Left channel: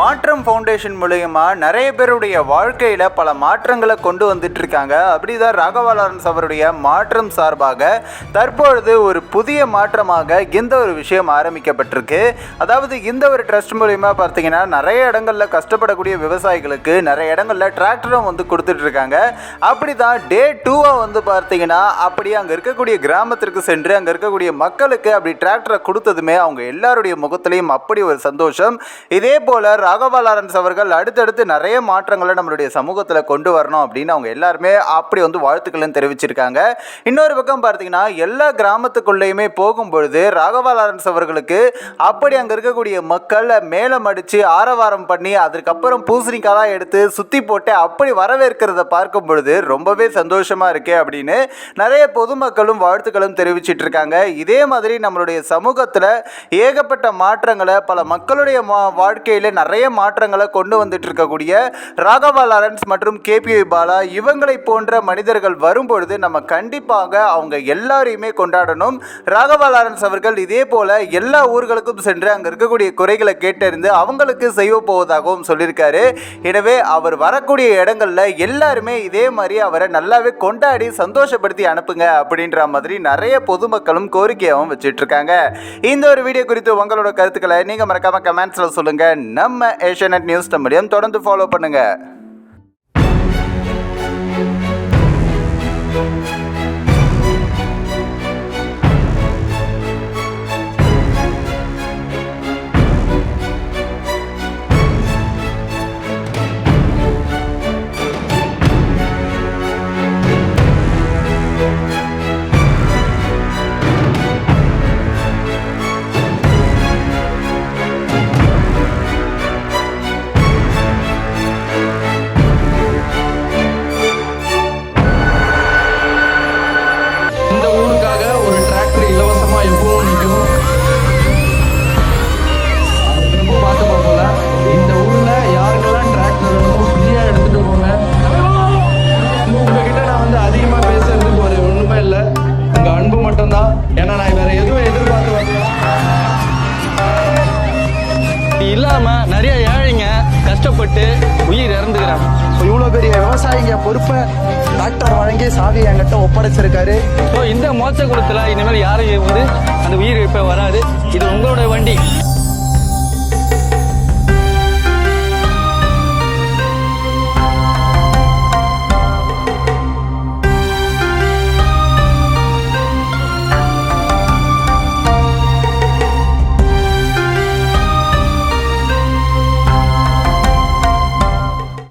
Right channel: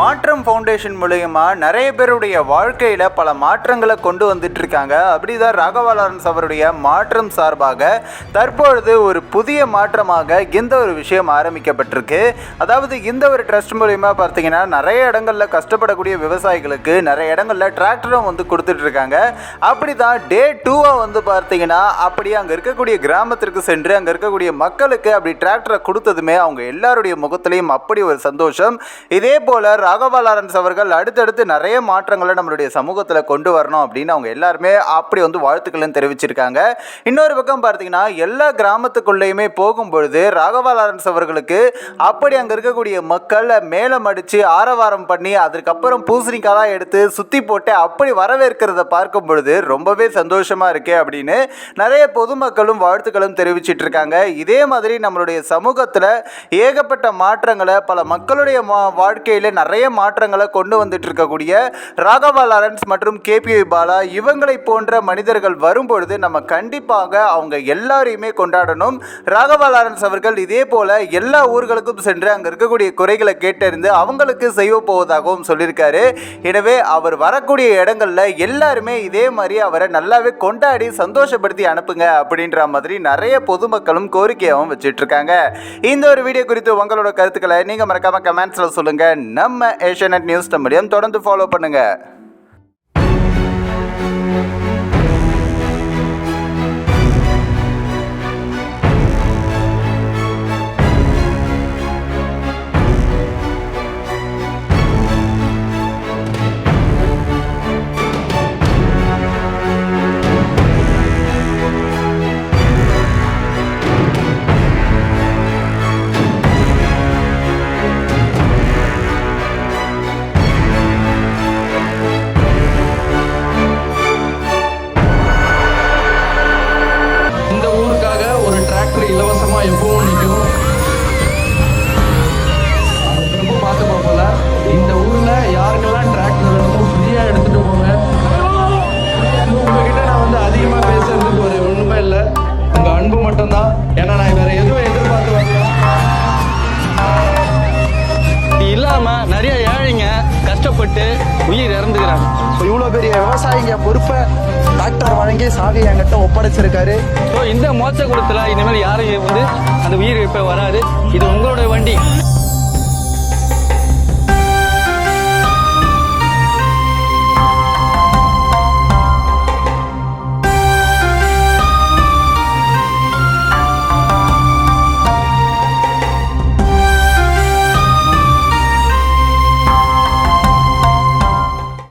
மாற்றம் ஃபவுண்டேஷன் மூலயமா நிறைய பேருடைய வாழ்க்கையில் பல மாற்றங்களை கொண்டு வந்துட்டு இருக்காங்க. அப்படிதான் ராகவா லாரன்ஸ் அவருடைய மாற்றம் சார்பாக தற்பொழுது ஒரு புதிய மாற்றமாக இந்த ஒரு விஷயம் ஆரம்பிக்கப்பட்டிருக்கு. அதாவது இந்த ஒரு ட்ரஸ்ட் மூலயமா பார்த்தீங்கன்னா நிறைய இடங்களில் கஷ்டப்படக்கூடிய விவசாயிகளுக்கு நிறைய இடங்களில் டிராக்டரும் வந்து கொடுத்துட்டு இருக்காங்க. அப்படி தான் டே 2 வந்து பார்த்தீங்கன்னா அப்படியே அங்கே இருக்கக்கூடிய கிராமத்திற்கு சென்று அங்கே இருக்கக்கூடிய மக்களுக்கு அப்படி டிராக்டரை கொடுத்ததுமே அவங்க எல்லாருடைய முகத்திலையும் அப்படி ஒரு சந்தோஷம். இதே போல் ராகவா லாரன்ஸ் அவர்கள் அடுத்தடுத்து நிறைய மாற்றங்களை நம்மளுடைய சமூகத்தில் கொண்டு வரணும் அப்படின்னு அவங்க எல்லாருமே அப்படி வந்து வாழ்த்துக்களும் தெரிவிச்சிருக்காங்க. இன்னொரு பக்கம் பார்த்தீங்கன்னா எல்லா கிராமத்துக்குள்ளேயுமே போகும்பொழுது ராகவா லாரன்ஸ் அவர்களுக்கு அப்படி அங்கே இருக்கக்கூடிய மக்கள் மேலம் அடித்து ஆரவாரம் பண்ணி அதற்கப்புறம் பூசணிக்காய் எடுத்து சுற்றி போட்டு அப்படி வரவேற்கிறத பார்க்கும் பொழுது ரொம்பவே சந்தோஷமாக இருக்கே அப்படின்னு நிறைய பொதுமக்களும் வாழ்த்துக்களும் தெரிவிச்சிட்டு இருக்காங்க. இதே மாதிரி நம்மளுடைய சமூகத்தில் ஏகப்பட்ட மாற்றங்களை பல மக்களுடைய வாழ்க்கையில் நிறைய மாற்றங்களை கொண்டு வந்துட்டு இருக்கக்கூடிய ராகவா லாரன்ஸ் மற்றும் கேபிஒய் பாலா இவங்களை போன்ற மனிதர்கள் வரும்பொழுது நம்ம கண்டிப்பாக அவங்க எல்லாரையுமே கொண்டாடணும். ராகவா லாரன்ஸ் அவர்கள் இதே போல எல்லா ஊர்களுக்கும் சென்று அங்க இருக்கக்கூடிய குறைகளை கேட்டறிந்து அவங்களுக்கு செய்ய போவதாகவும் சொல்லியிருக்காரு. எனவே அவர் வரக்கூடிய இடங்கள்ல எல்லாருமே இதே மாதிரி அவரை நல்லாவே கொண்டாடி சந்தோஷப்படுத்தி அனுப்புங்க அப்படின்ற மாதிரி நிறைய பொதுமக்களும் கோரிக்கையாகவும் வச்சுட்டு இருக்காங்க. இந்த ஒரு வீடியோ குறித்து உங்களோட கருத்துக்களை நீங்க மறக்காம கமெண்ட்ஸ்ல சொல்லுங்க. நம்ம ஏஷியாநெட் நியூஸ் தமிழையும் தொடர்ந்து ஃபாலோ பண்ணுங்க. இலவசமா எப்பவும் நிற்கும். அது திரும்ப பார்த்து பார்ப்போம்ல. இந்த ஊர்ல யாருக்கெல்லாம் டிராக்டர் வேணுமோ ஃப்ரீயா எடுத்துட்டு போங்க. உங்ககிட்ட நான் வந்து அதிகமா பேசுறதுக்கு ஒரு ஒண்ணுமே இல்லை, உங்க அன்பு மட்டும்தான். ஏன்னா நான் வேற எதுவும் எதிர்பார்த்து வரல. இல்லாம நிறைய ஏழைங்க கஷ்டப்பட்டு உயிர் இறந்துக்கிறாங்க. இவ்வளோ பெரிய விவசாயிங்க பொறுப்பை டாக்டர் வழங்கி சாவி என்கிட்ட ஒப்படைச்சிருக்காரு. ஸோ இந்த மோட்ச குளத்துல இனிமேல் யாரும் வந்து அந்த உயிர் இப்ப வராது. இது உங்களோட வண்டி.